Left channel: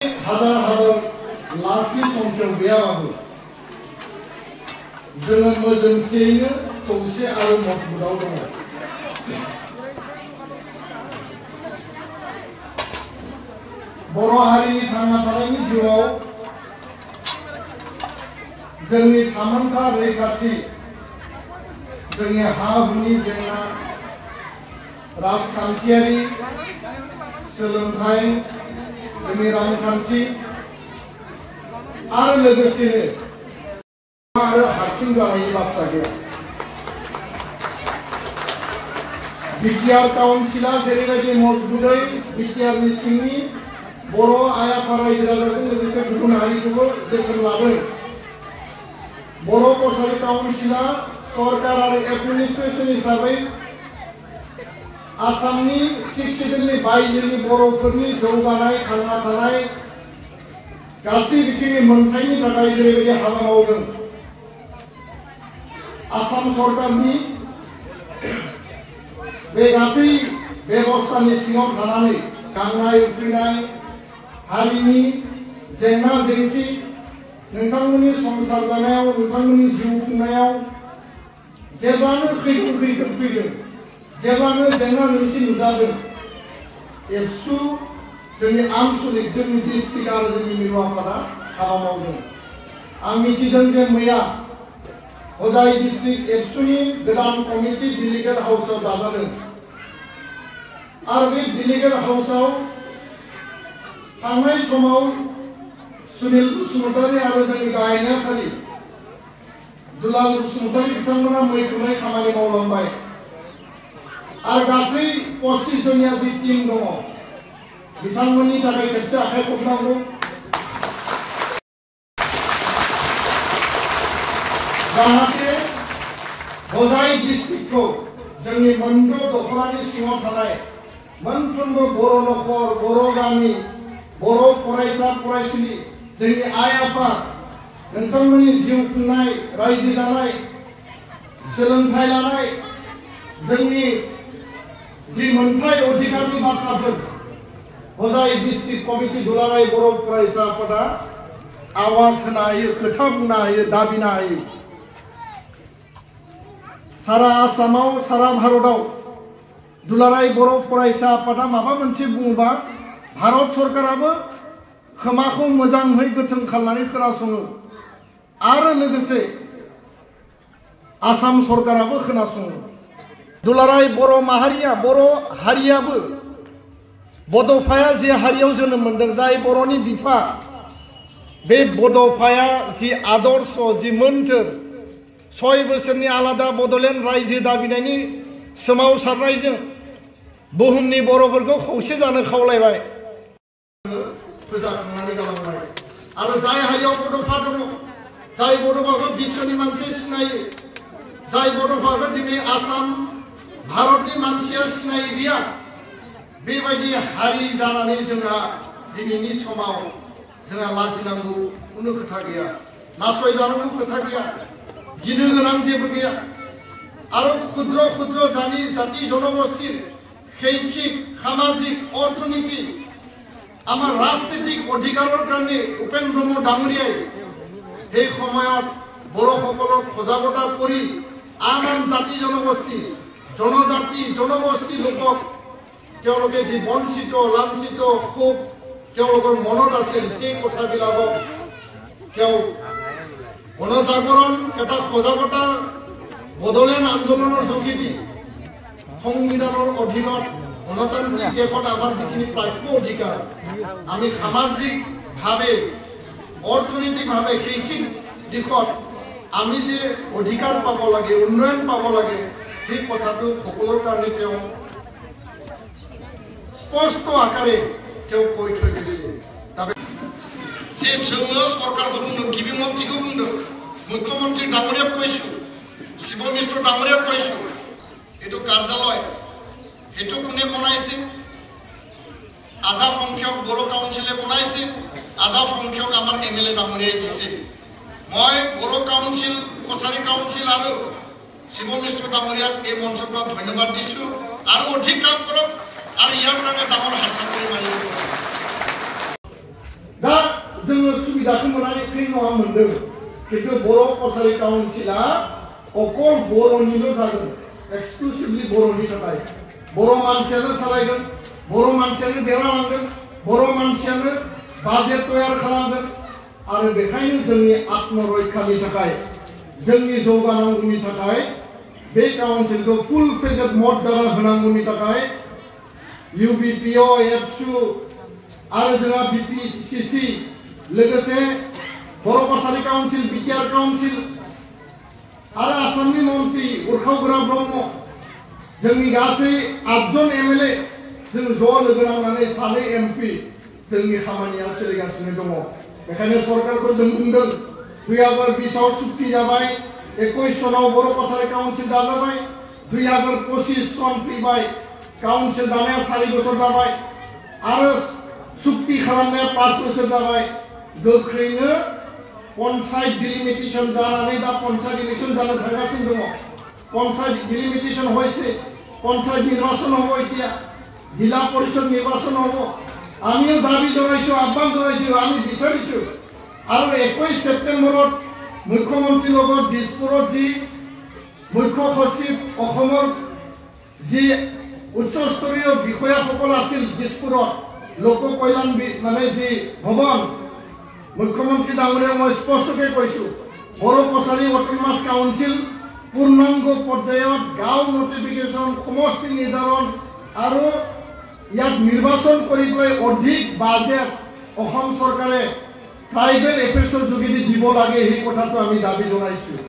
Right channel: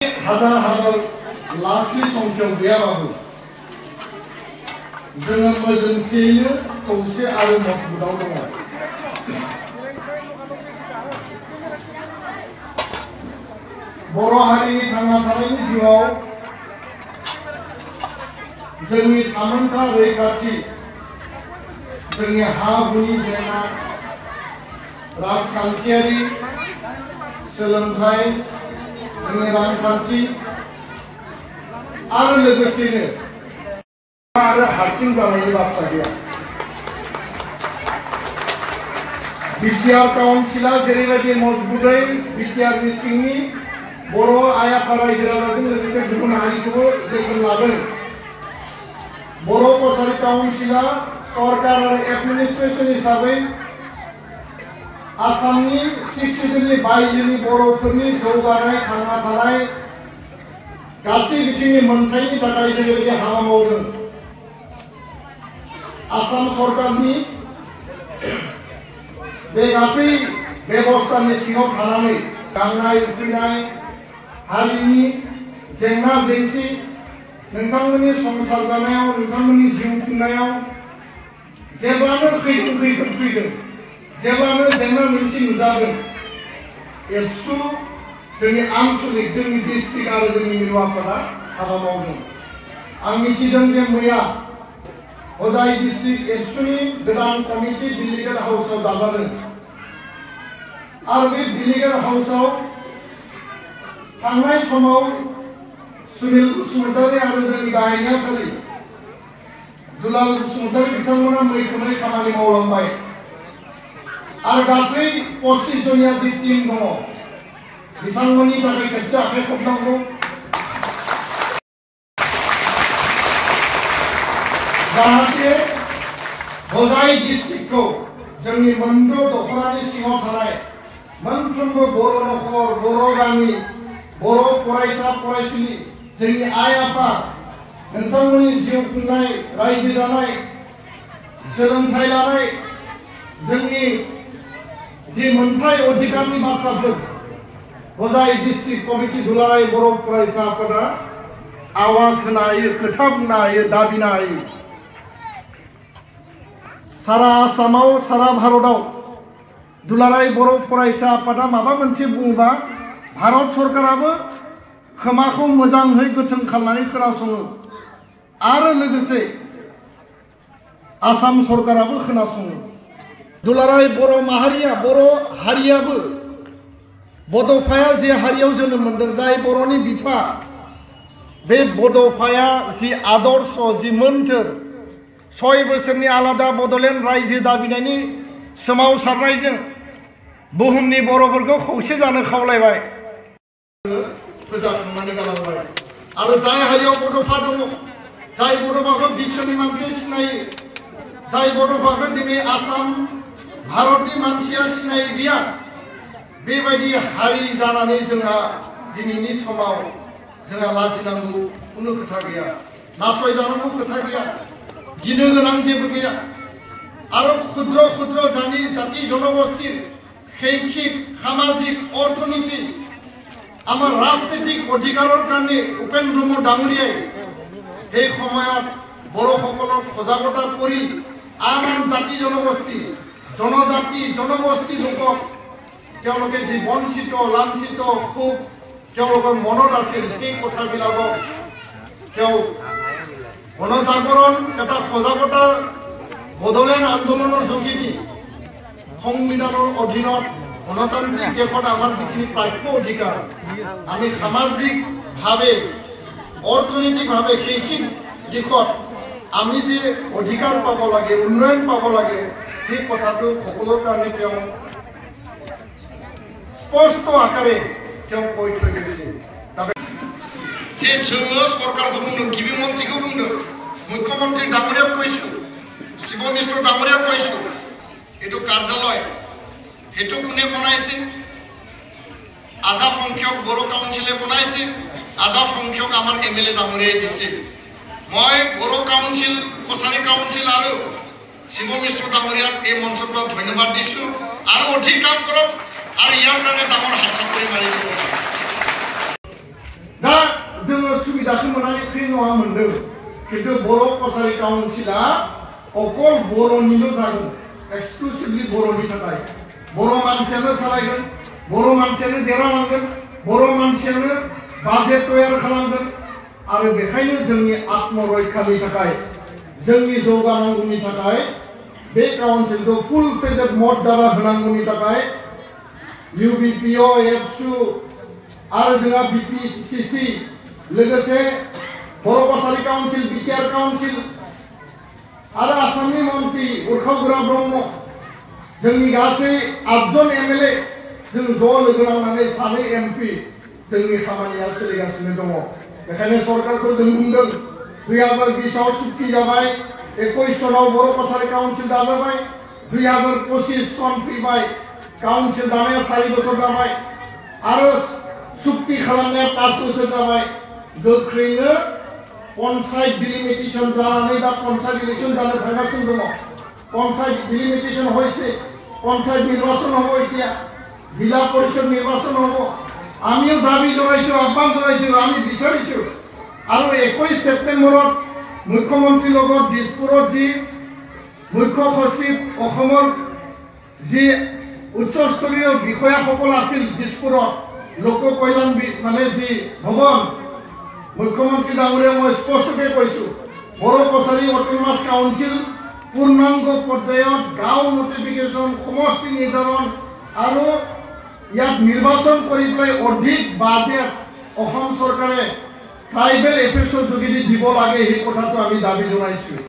हाजार हाजार लाखनि संख्याव गैयाबाबो जोङो मोजोंसेयैनो खौसे आरो मजबुताव दङ। बर' हारिनि थांना थानायनि जिउआव जोंनि थामोनथा रैखाथि, जोंनि हा-हुनि जेंना, राजखान्थियारि, सोलोंथाइ, जोंनि रांखान्थि आरो लोगोसेनो आरो हारसिं जानायनि बाथ्रा गैया। बिटिआर काउन्सिला जेरैबायदि मजबुतै बिटिआरनि सिंनि बर' आइ आफा रायजो राजाजों लोगोसे गुबुन हारिखौबो जोथोन लादों। बर' कसारी काउन्सिला सरकार आरो एडमिनिस्ट्रेसन हिसाबै आसामनि 6 सिजननि बायजोनि बर'फोरनि जौगानाय, थांना थानाय गासै बिथिंनि मोनथायनि थाखाय जेरैबायदि हाबा मावदों, आसाम सरकारनि बे गासै बेबस्थानि सिङाव थानानै गांनाय उखैनाय हारिनि जेंना जेंसि, नोंथांमोननि संसार जानायाव, नोंथांमोननि जिउ खुंनायाव जेब्लानो खैफोद फैगोन, जेब्लानो जेंना जेंसि नुजागोन, एबसु जोंनि आनसलिक, जोंनि डिस्ट्रिक्ट आरो जोंनि मिरु आफादा हाबा मावदों। आं मिथिदों जे मैया हजाइ डिस्ट्रिक्ट एबसुनि गोदान कमिटि डेलिगेट हाउसआव दाजादों आरो बे डेलिगेट हाउसआव थांनाय समाव सुनिल बसुमतारी आरो जोंनि गाहाय नेहाथारि दुलाल बसुमतारी बिथांमोना मैखोमै खामानि मावलांबाय आरो गासै 25 जनिया जि टीम दङ बिथांमोननि थाखाय खेबसे आखाइ खबनांगौ। जाहाथे हजाइ डिस्ट्रिक्टखौ जोंनि मोनद' दख'रानि सिङाव थानाय मोनफ्रोमबो बर' नखर, बर' गामि, बर' फरायसा फरायसुलि, जोंनि आइ आफा, नोंथांमोननि जिउ खुंनाय, रायजो जानाय, सोलोंथाइ लानाय, जोंनि जि मोनथाय अधिकारनि बाथ्राफोर हजाइ डिस्ट्रिक्ट कमिटि दुलाराय बर' फरायसा आफादा आवाज होनो हायो, खोथा बुंनो हायो, दाबिनो हायो। सारा आसामाव, सारा भारतआव दुलाराय बर' फरायसा आफादा माबा मोनसे बुङोबा भारत सरकाराबो खोमाखौ मोजाङै गोथों खालामनानै खोनासङो आरो लोगोसे आसाम सरकाराबो खोनासङो। दुलाराय बर' माहारिया, बर' हारियाबो बड'फाया जे हारियाव जोनोम मोनदों, जाय बर'नि बिफा, बे बड'फाया जि आदर्श, जि मोन्थोर 6 बोसोरनि आलादा बड'लेण्ड रायजो दाबिनायनि सोमावसारनायजों बुहुमनि बर'फोरखौ खौसे जानो खावलायबाय, फोजाखांनानै गालांबाय। आरो जाय हारियाव बड'फा दङ, जाय बड'फाखौ बिश्वनि मानसि सिनायो, जाय बड'फाखौ दिनै आसाम भारतनि मानसिया सिनाय गैया, बेबायदि हारि जानानै जोंहा दिनैनि समाव जोंहा लाजिनांगौ खुनु खोथा गैया, नासयजानांगौ खोथा गैया, गिनो गोनां जेबो गैया। आरो क्षुद्र क्षुद्र जाति জনগোষ্ঠীর শৈক্ষিক, সামাজিক, অর্থনৈতিক, আমার রাজনৈতিক অধিকাৰৰ কাৰণে উপেন ব্ৰহ্ম ডাঙৰীয়াই এই সময়ত বড়োসকলক সজাগতা কৰি আন আন জাতি জনগোষ্ঠী, জনজাতি, জনগোষ্ঠী লোকক তেওঁলোকে যি বঞ্চিত, লাঞ্ছিত, ক্ষোভ তেওঁলোকৰ মনত আছিল, সেই কথাবিলাকক তেওঁ গণজাগৰণ, এটা সজাগতা বড়োলেণ্ড আন্দোলনৰ যোগেদি সংবিধানৰ অধীনত গণতান্ত্ৰিক দেশত আমাৰ যিখিনি প্ৰাপ্য অধিকাৰ, আমি সামাজিকভাৱে, অৰ্থনৈতিকভাৱে, শৈক্ষিক দিশত আমি যে অধিকাৰ পাব লাগে, উন্নয়ন পাব লাগে, সেই কথাটো সকলোৰ কাৰণে তেওঁ স্পষ্ট আকাৰে তেওঁ কৈ থৈ গৈছে। যে जोङो सरकारखौ बुंदों, गिबि मन्त्रीखौ बुंदों, मुख्यमन्त्री डाঙৰীয়াক কৈছোঁ, শিৱ মিশ্ৰ ডাঙৰীয়াক কৈছোঁ, এইটো কাৰ্যালয় সেইটো কোনে বনাইছে? আধা সংখ্যক বড়ো কাউন্সিলে বনাইছে, আধা সংখ্যক আমাৰ MLA ডাঙৰীয়াই দিছে। মই বড়ো কাউন্সিল, কছাৰী কাউন্সিল আৰু শিৱ মিশ্ৰ ডাঙৰীয়াক এই মঞ্চৰ পৰা ধন্যবাদ দিছোঁ আৰু অধিক কাম কৰক আৰু ইয়াৰ কাৰণে ডাঙৰ হাত চাপৰি মাৰিব। सुबिदाखौ मोननानै फ्रि नङा मोनदों खिन्थु बर' कसारि काउन्सिला अकल बर'निल' जागोन एक्सक्लुसिभलि बर'नि थाखाय बर' मानसियानो सालायगोन बर' मानसियानो देरहालांगोन बर' मानसियानो बाजेट तयार खालामगोन आरो बेखायनो जोंनि आत्मरैखानि थाखाय जोंनि जौगानांगौनि थाखाय बे काउन्सिलखौ फुल फ्लेजेड मर्यादा होनांगौनि थाखाय UBPO एबसु आरो जोंहा BPCC लोगोसे बर' कसारि काउन्सिल बिटिआर काउन्सिल आरो आसामनि मन्त्रि उर्खावगोरा ब्रह्म जोंनि गासै 8 जन MLA जों ज' लोगो नांनानै 2 MP जोंनि खामानिया सोलिगासिनो दङ बेखायनो सरकारखौ जों बुंदों 2020 आव सुक्ति जाबाय 21 सनाव बर' कसारि काउन्सिल दाजाबाय 2025 सन फैबाय काउन्सिल दानाया 4 बोसोर जाबाय आरो सुक्ति खालामनाया 5 बोसोर जाबाय गोख्रैनो पन्चायत डिलिमिटेशन जानानै दा पन्चायत इलेक्शन जानो थांगासिनो दङ पन्चायत डिलिमिटेशन হয়েছে পঞ্চায়েত নির্বাচন হব এতিয়া জিলা পরিষদ নির্বাচন হব আমিও দাবি জনাইছো আহ্বান জনাইছো আমি বিচাৰিছো আৰু 21 সেপ্টেম্বৰত মুখ্যমন্ত্ৰীৰ লগত দিছপুৰত যি মুখ্য সচিব অসমৰ যি উচ্চস্তৰীয় বিষয়াসকল আছিল দিছপুৰত লোক কল্যাণ মানে যি ভৱন মুখ্যমন্ত্ৰী ডাঙৰীয়া মই স্পষ্টকৈ কৈছো বৰ কছাৰী অটোনমাস কাউন্সিল পূৰ্ণাংগ পৰ্যায়ত গাঁও নটিফিকেশ্যন সমষ্টি নিৰ্ধাৰণ আৰু ইয়াত নিৰ্বাচন কৰিবলৈ অধিক বাজেট অসম চৰকাৰে ট্ৰাইবেল এফেয়াৰ্ছৰ যোগেদি দিব লাগে এই কথাটো আমি দাবী জনাইছো।